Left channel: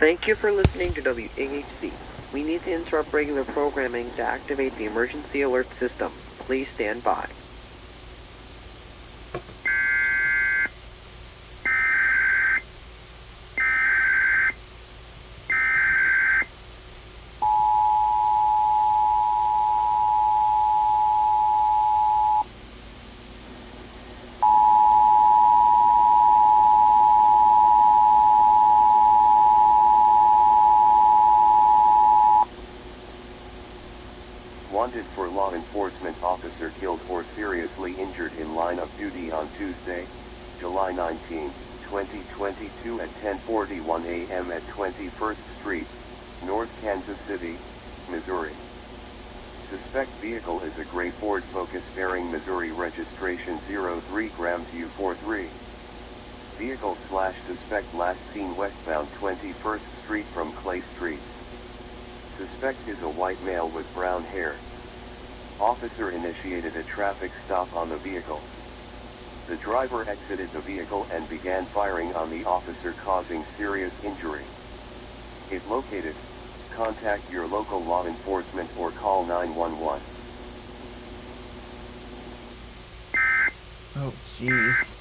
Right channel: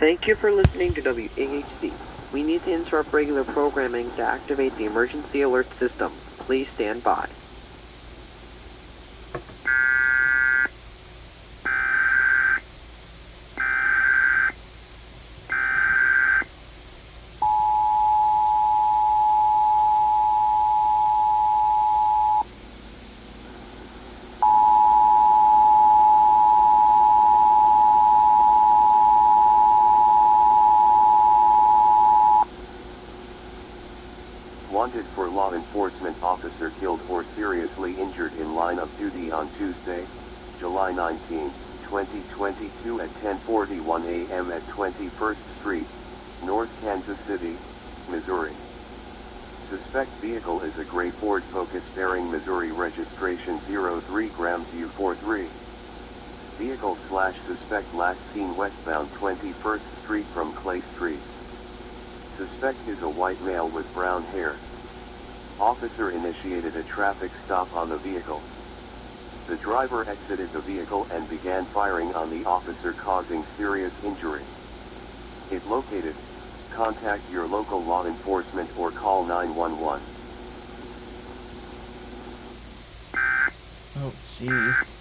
Thank you for listening to WAHC. We need to interrupt regular programming to activate the emergency alert system. Please stand by. Wanted for law enforcement officer killed or seriously injured in line of duty on Tuesday, July 19, 2022 at 10:41 a.m. at 21st Street, North Kansas City, Missouri. Suspect vehicle is a gray Ford Focus bearing Missouri registration 03 grams U43. Vehicle/suspect last seen westbound 21st Street from Clay Street. Suspect is a white male with brown hair. Officer initiated a traffic stop on the vehicle. The driver exited the vehicle and began firing on the officer, causing serious injury. If located, contact your local law enforcement or call 911. Oh, jeez.